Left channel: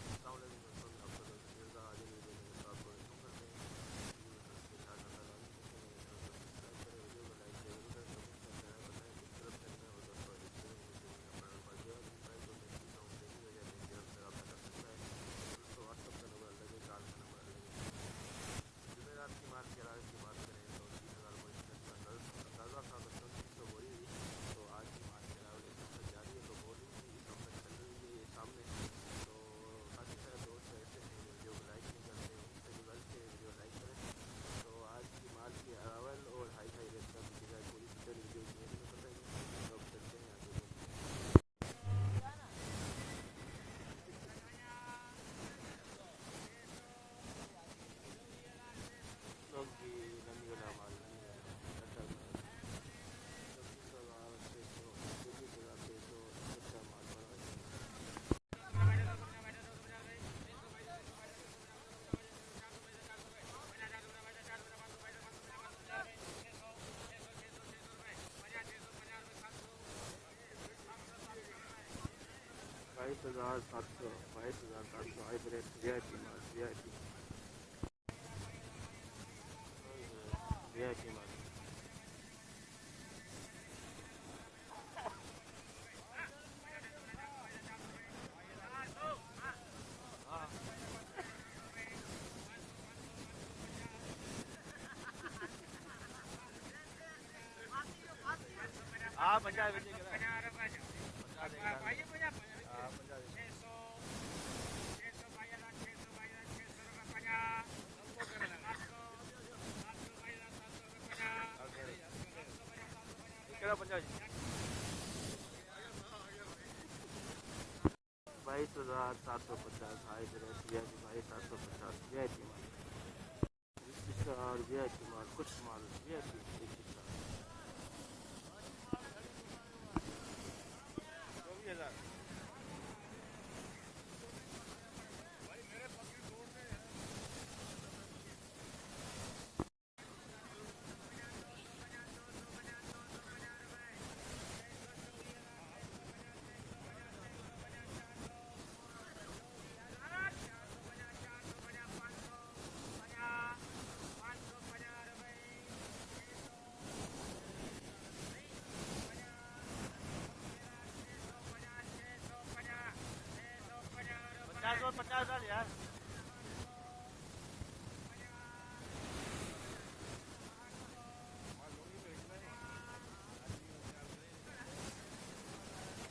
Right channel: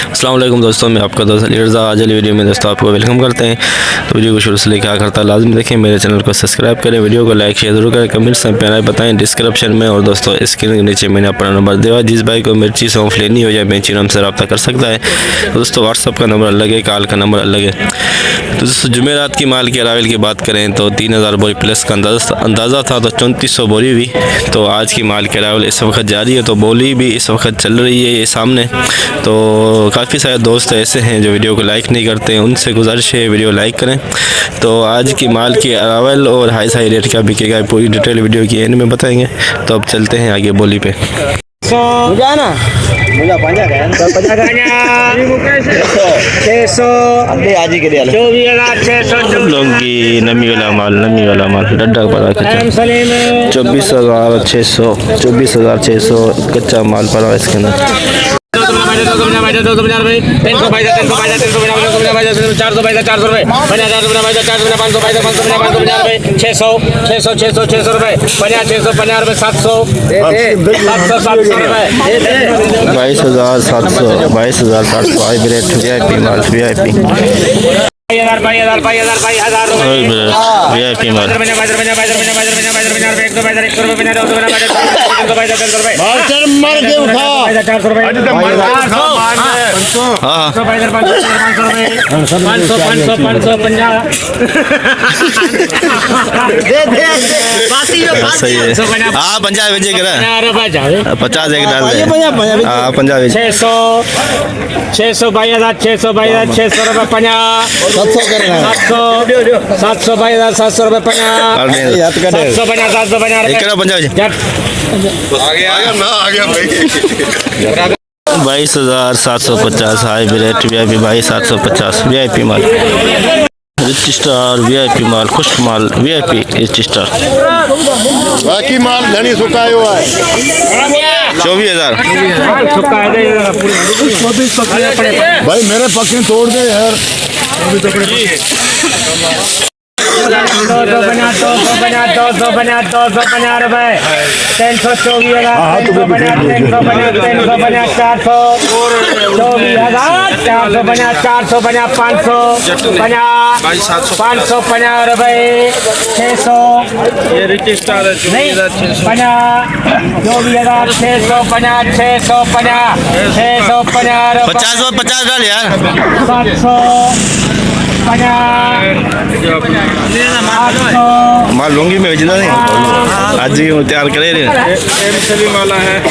अस्सलाम वालेकुम दोस्तों, मैं आपका दोस्त अली रज़ा। आज वाली वीडियो में दोस्तों आपको वेलकम करते हैं। तो वीडियो को शुरू से लेकर आखिर तक लाजमी देखें। मेरे चैनल को सब्सक्राइब करें, वीडियो को लाइक शेयर जरूर करें, कमेंट्स में प्यारा बताएं डिस्क्रिप्शन में। और दोस्तों स्क्रीन के नीचे मैंने अपना नंबर दिया है, जिस भाई को मिर्ची सौंफ लेनी हो या मिर्ची हमसे रब्ता कर सकता है। तो दोस्तों व्हाट्सअप का नंबर अलग है, कॉल का नंबर अलग है। तो दोस्तों जुमेरात की माल के अरावल की बात करें तो 3000 बोरी प्लस का अंदाज़ा था, तो 3400 बोरी हुई। तो आज की माल के अरावल इस वक्त जारी है, तो बोली भी इस वक्त चल रही है ये सामने। तो काफ़ी सारे दोस्त ऐसे हैं जो वीडियो को लाइक नहीं करते हैं, उनसे गुजारिश है वीडियो लाइक करें। तो आज की माल के अरावल और हाई रेट क्या बिकेगा पूरी डिटेल वीडियो की एंड में बताएंगे। तो अब चलते हैं आगे बोली पे। लौंगी नमी वाला माल डड्डा पड़ा 24,600 24,600 कच्चा माल पड़ा इसके अंदर। 22,700 हाइब्रिड VIP माल VIP सही है। हाँ 50 बजे करा 50 एक डाल दे। हाँ 50 600 22,600 22,600 रुपये 50 700 22,700 रुपये 50 22,750 हाइब्रिड VIP 22,750 VIP माल रिच स्टार VIP माल खुश माल VIP रिच स्टार बाकी माल धनी सुखाया हुआ है 24,000 भाई मेरे पक्के तोड़ दे यार। 250 रुपए 550 रुपए 600 ये रिच स्टार है 50 डाल यार 750 माल लूंगी मैं भेजना नहीं आज ही तैयार करे रे वाला है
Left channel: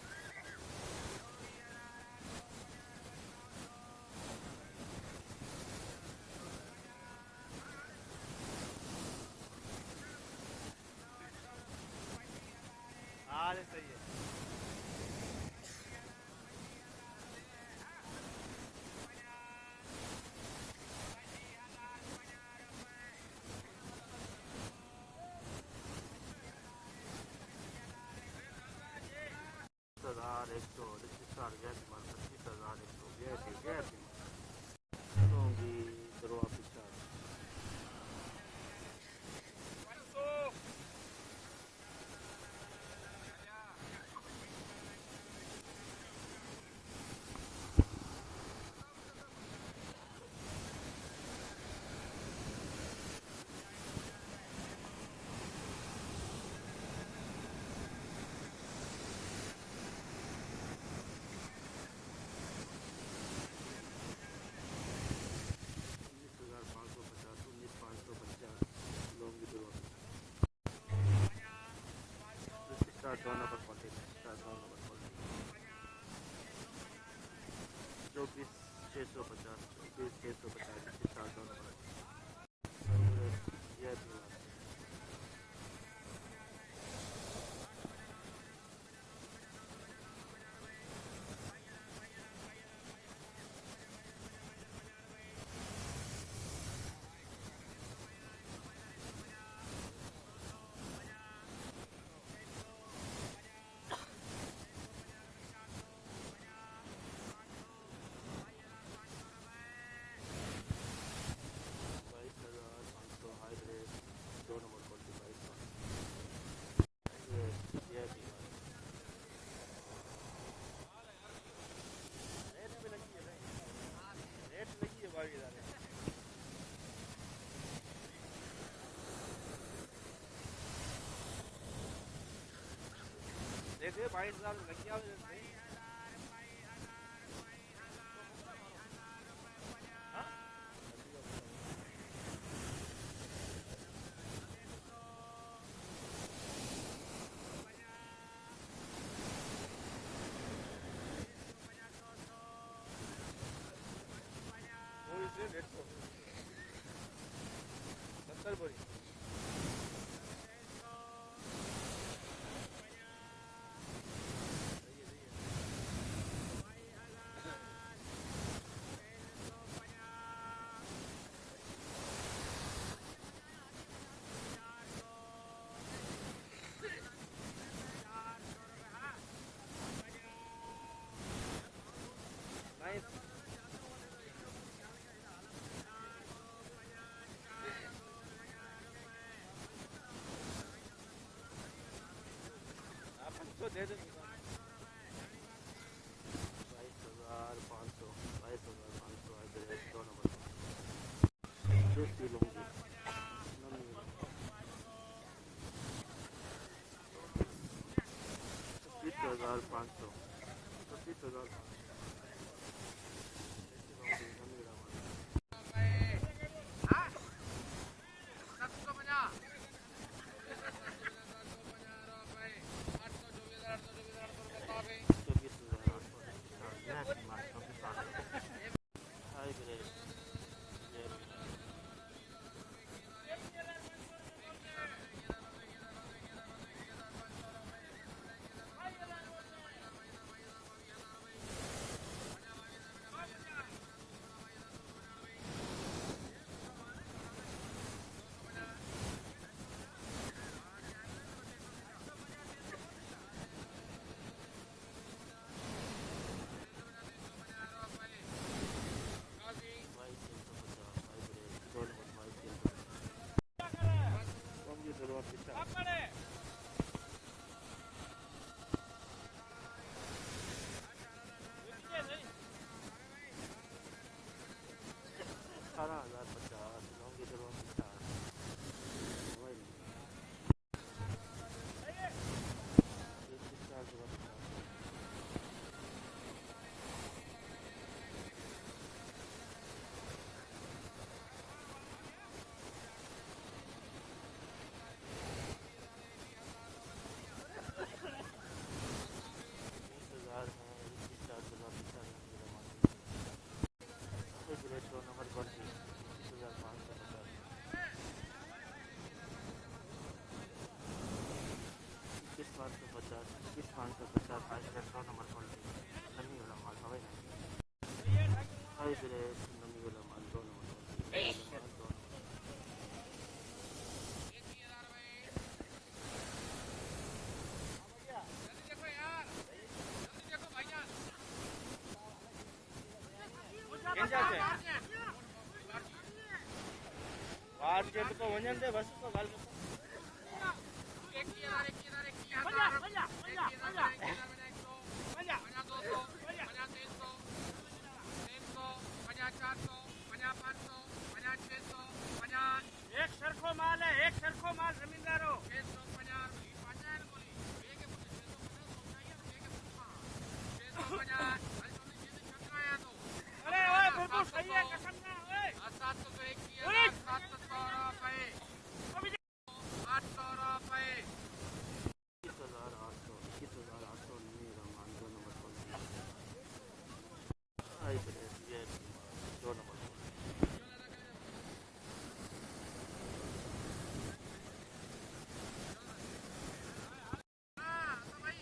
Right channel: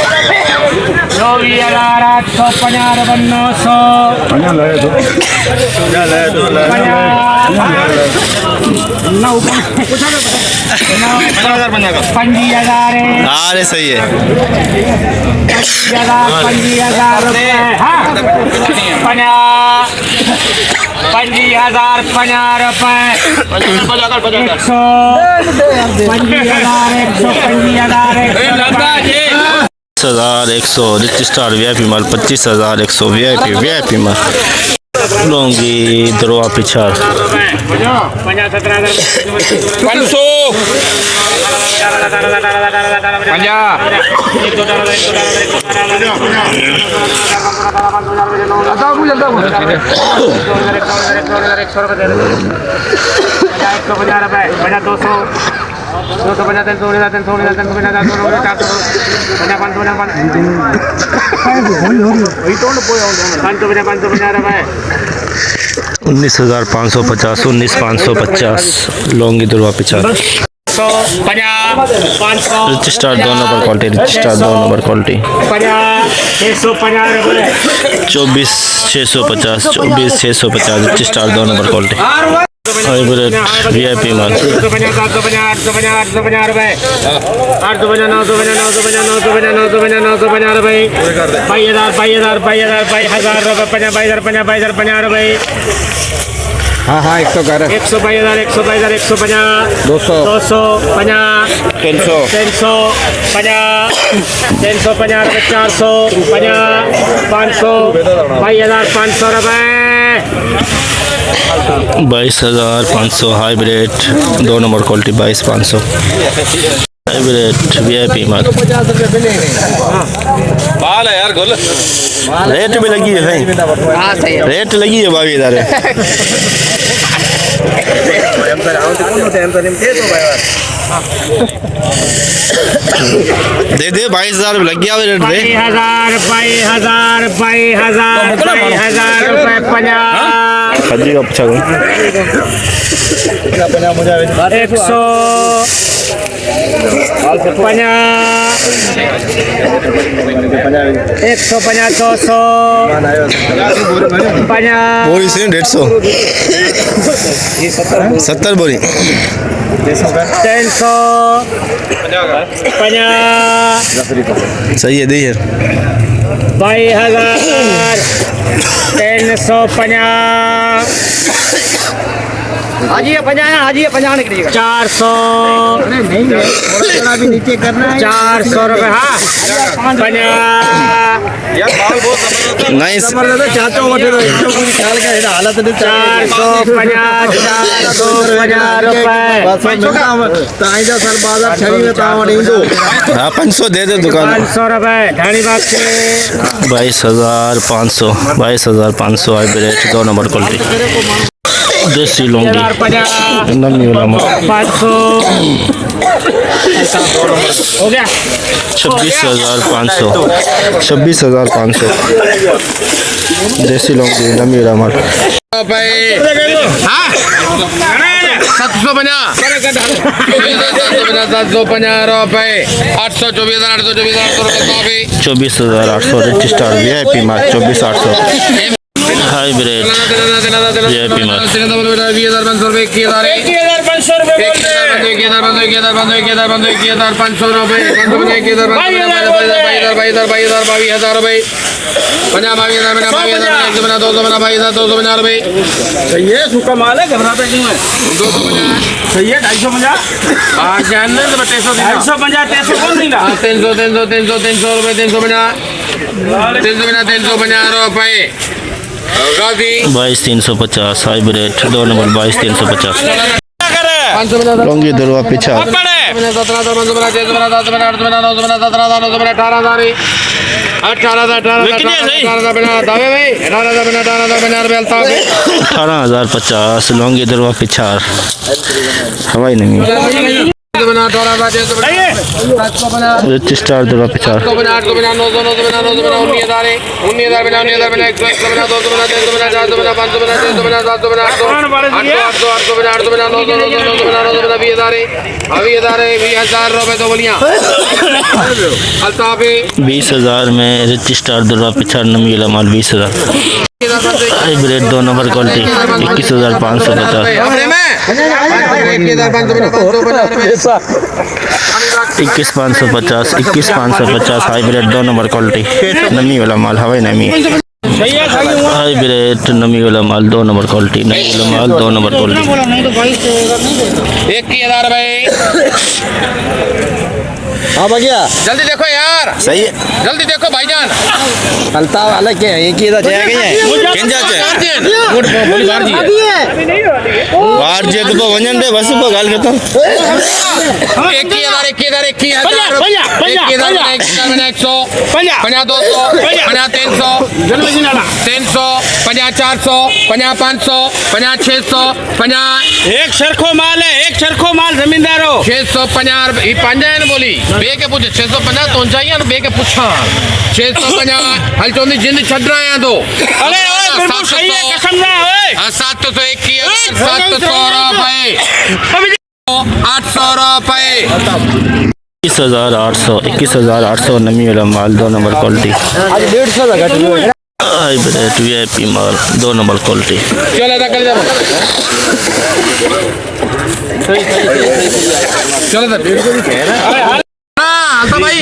24,850 900 50,000 अरे सही है 50,000 रुपये 50,000 रुपये 25,100 रिच स्टार VIP माल 25,100 VIP माल लूंगी दरवा पिछाड़ 19,550 19,550 लौंगी दरवा पिछाड़ rich star 2 number quality rich star 2 number quality 24,650 24,650 rich star 2 number quality hybrid VIP माल 50 रुपये हाँ हाँ 122,000 122,000 150 200 250 300 350 रुपये 450 500 22,500 रुपये 22,500 hybrid 2 number quality 22,500 hybrid VIP माल माल है यार गुल रेट भी लगी है भाई रेट लगी है 22,000 दे 22,000 लग गया रेट दे 22,000 रुपए 50 हजी का पूछा 150 बोरी से 150 70 बोरी 350 सही है दी यार 22,350 400 400 रुपए हाँ 50 नाइस 450 हाँ 500 दे दे दुकान 500 रुपए ढाणी बाग से 22,500 22,500 हाइब्रिड 2 नंबर क्वालिटी देसी लौंगी 50 नमी वाला माल 500 हो गया 26,500 26,500 देसी लौंगी नमी वाला माल 24,800 रजिस्टर वीआईपी माल 24,800 हाइब्रिड वीआईपी माल 250 है सूखा माल है घबराता क्यों है 250 सही है 250 आज जानना तो 250 कौन देगा 300 रुपए 22,350 हाइब्रिड 2 नंबर 22,350 लौंगी दरवा पीछा 18,050 लौंगी दरवा पिछार हवाई नहीं रजिस्टर दरवा पिछार 20,000 में रजिस्टर दरवा पिछार नमी वाला माल 20,000 hybrid 2 number quality 21,550 21,550 hybrid 2 number quality नमी वाला माल हवाई नमी हाइब्रिड नमी वाला माल 2 नंबर क्वालिटी नमी वाला माल 2 नंबर क्वालिटी 21,000 भाई हाँ भैया जल्दी देखो यार सही है जल्दी देखो भाईजान हलता वाला क्या है एक ही इधर जाएगा बाहर जे तो वजन दे बस को गाल करता 21,000 एक सरखो माल है एक सरखो माल जमींदारो 650 ये पंजान बोली बे के पूछे 650 तो चाहिए ना बे के पूछा 650 हल चोंदी जिंद छड़ रहा है तो अरे ओए बिल्कुल सही है कसम ना ओए 700 रुपए 800 रुपए 21,800 नमी वाला माल 2 नंबर क्वालिटी हाइब्रिड वीआईपी माल 2 नंबर क्वालिटी चलो था कर जाओ चलो था तो भाई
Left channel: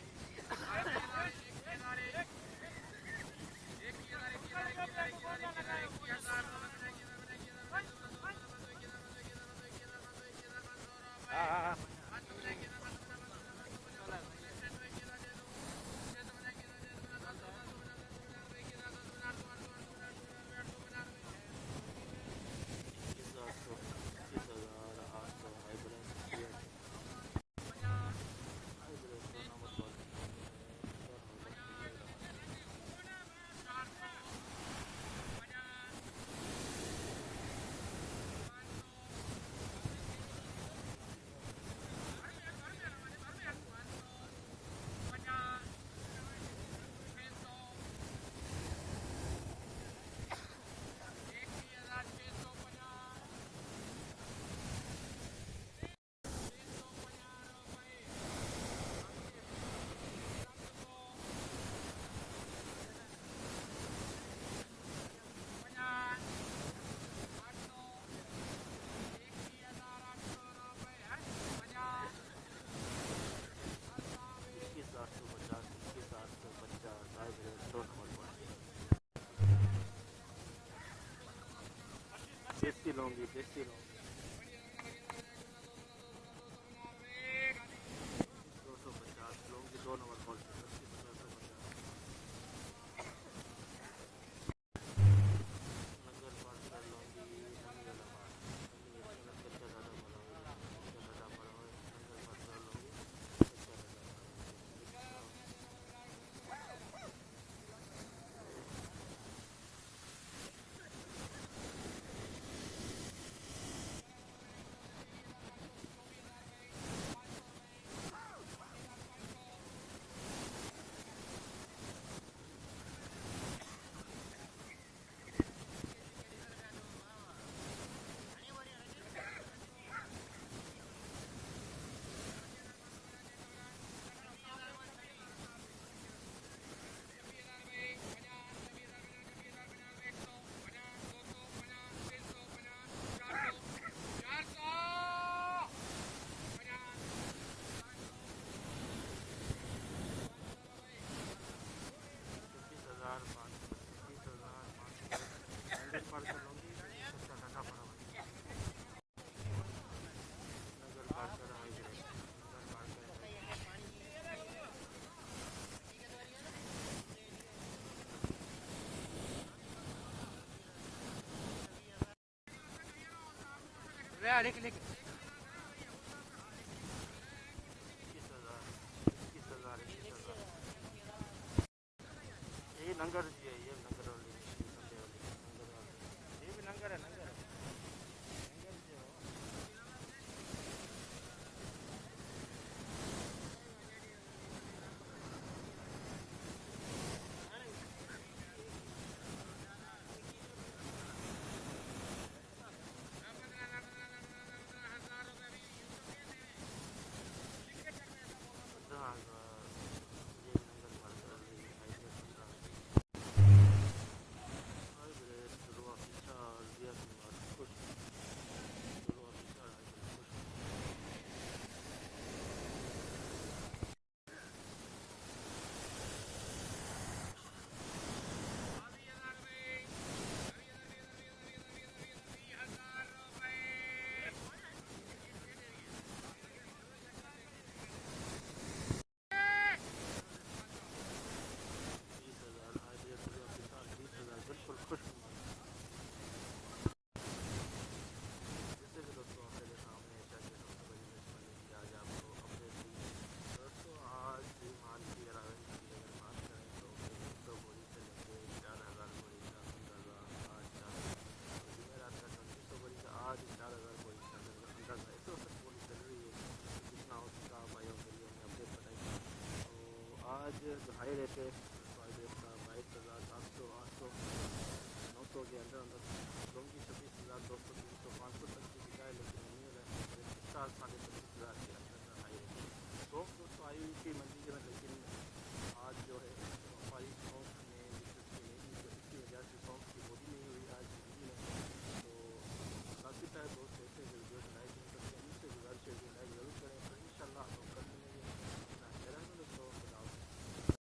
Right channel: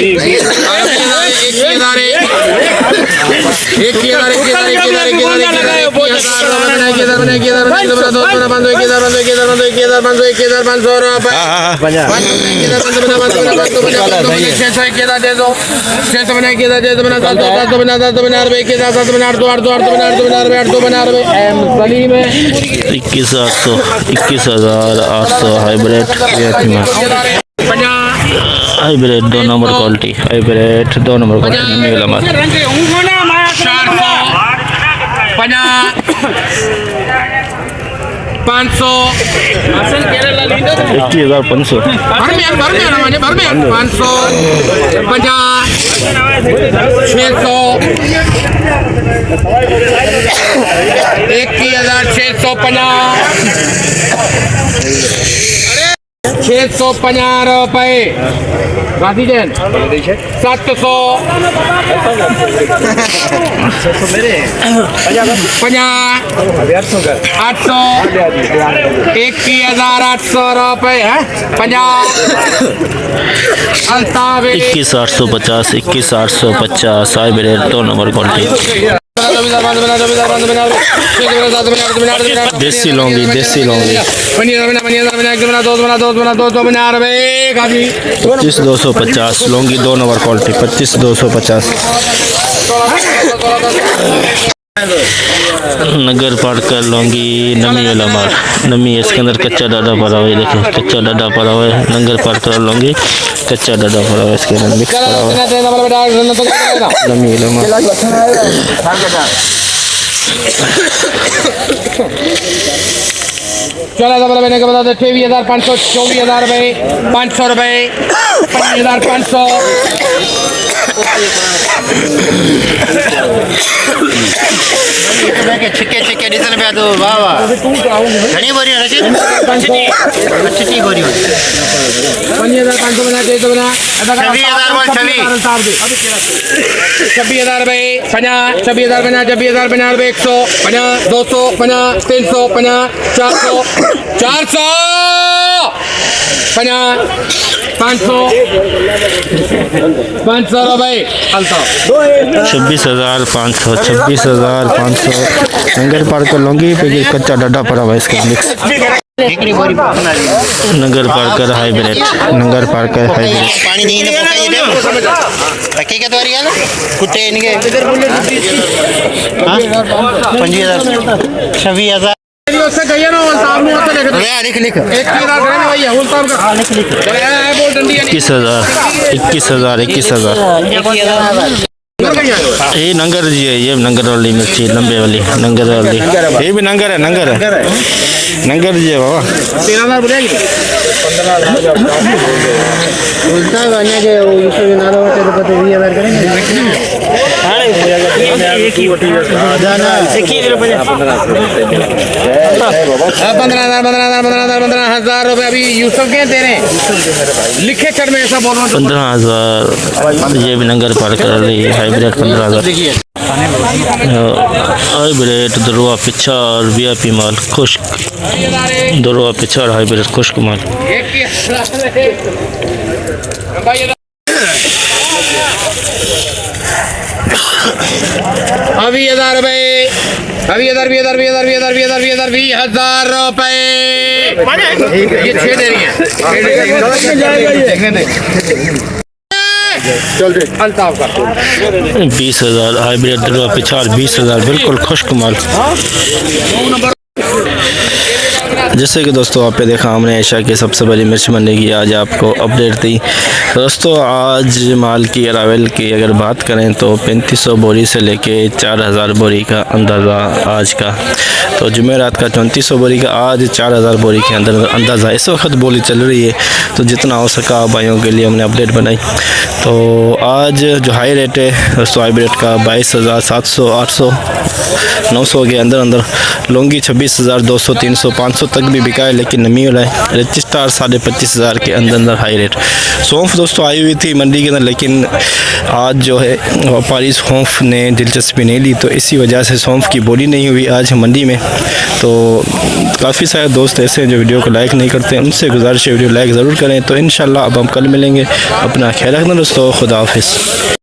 21,800 हाइब्रिड वीआईपी माल hybrid 2 number quality, hybrid 2 number quality नमी वाला माल 500 21,500 500 600 650 रुपए गांधी जैन 700 800 21,800 रुपए है 50 अल्तावे 21,850 21,850 हाइब्रिड 2 नंबर क्वालिटी देसी लौंगी 25,250 लौंगी 2 नंबर क्वालिटी 25,250 नगर पाड़कर लौंगी नमी वाला माल नमी है, इसके अंदर कच्चा डाडा पड़ा हुआ है, देखिए कच्चा डाडा पड़ा हुआ है। नगर पाड़कर लौंगी कच्चा डाडा पड़ा हुआ है, इसके अंदर मिक्स पड़ा हुआ है नमी वाला माल। चौदह डबल मैंने बता दो 23,500 24,000 रुपए 500 रुपए 25,500 छिके छिके डीजल पे दो वाह वाह घणी बोरी रची अच्छी बोरी 5,500 बना दे तो बना 26,000 बोल 26,000 रुपए 50 26,000 बना 26,000 बना 100 50 200 50 300 50 400 400 50 500 रुपए अल्ताफ 26,500 नगर पाड़कर लौंगी पे कच्चा डाडा पड़ा हुआ है, इसका मिक्स नगर पाड़कर हाइब्रिड नगर पाड़कर हाइब्रिड पानी नहीं ना पकाइए दे रखी के तोरी यार कुत्ते इनके 25,000 26,000 उससे कहिए ना अल्ताफ ने उससे लिख दो लिख लिख 21,000 करे ना भैया अल्ताफ का लिख लिख चले आए बोल डंडी 21,000 ये नंगर जी है, ये नंगर वाली मिर्ची लंबे वाली नंगर वाली, ये भी नंगर है नंगर जी है बाबा 13,000 बोलेगी उल्टा गाने के यूसुफ नालो होते तो पता 20,000 करेंगे हां एक ही जाना 21 रुपए 15,000 रुपए अभी यूसुफ के दे रहे हैं लिखे चढ़ में ऐसा बोल रहा हूं 15,000 ये भी नंगर पाड़कर हाइब्रिड 15,000 हाइब्रिड दरुआ पिछाड़ वीआईपी माल खुश्क दरुआ पिछाड़ हाइब्रिड खुश्क माल 20,000 रुपए 20,000 रुपए ये 6 दे रही है अल्ताफ का 20,000 हाइब्रिड दरुआ पिछाड़ 20,000 बिल्कुल खुश्क माल। जैसे कि दोस्तों आपने देखा हमने एशिया की सबसे बड़ी मिर्च मंडी की आज आपको अपडेट दी। दोस्तों आज माल की अरावल की अगर बात करें तो 3500 बोरी से लेके 4,000 बोरी का अंदाज़ा आज का, तो जुमेरात का 3400 बोरी का, आज 4,000 बोरी के अंदर अंदाज़ा इस वक्त बोली चल रही है। तो जितना हो सका भाइयों के लिए हमने अपडेट बनाई। तो आज जो हाई रेट है दोस्तों हाइब्रिड का 22,000 700 800 900 के अंदर लौंगी 26,200 300 500 तक भी बिका है, लेकिन नमी वाला है। रजिस्टार 25,500 के अंदर हाई रेट। सौंफ दोस्तों आई हुई थी मंडी के अंदर, लेकिन आज जो है व्यापारी सौंफ ने दिलचस्पी नहीं ली, तो इसी वजह से सौंफ की बोली नहीं हुई आज मंडी में। तो काफ़ी सारे दोस्त ऐसे हैं जो वीडियो को लाइक नहीं करते, उनसे गुजारिश है वीडियो लाइक ज़रूर करें। तो इंशाल्लाह अब हम कल मिलेंगे। अपना ख्याल रखना दोस्तों, खुदा हाफिज़।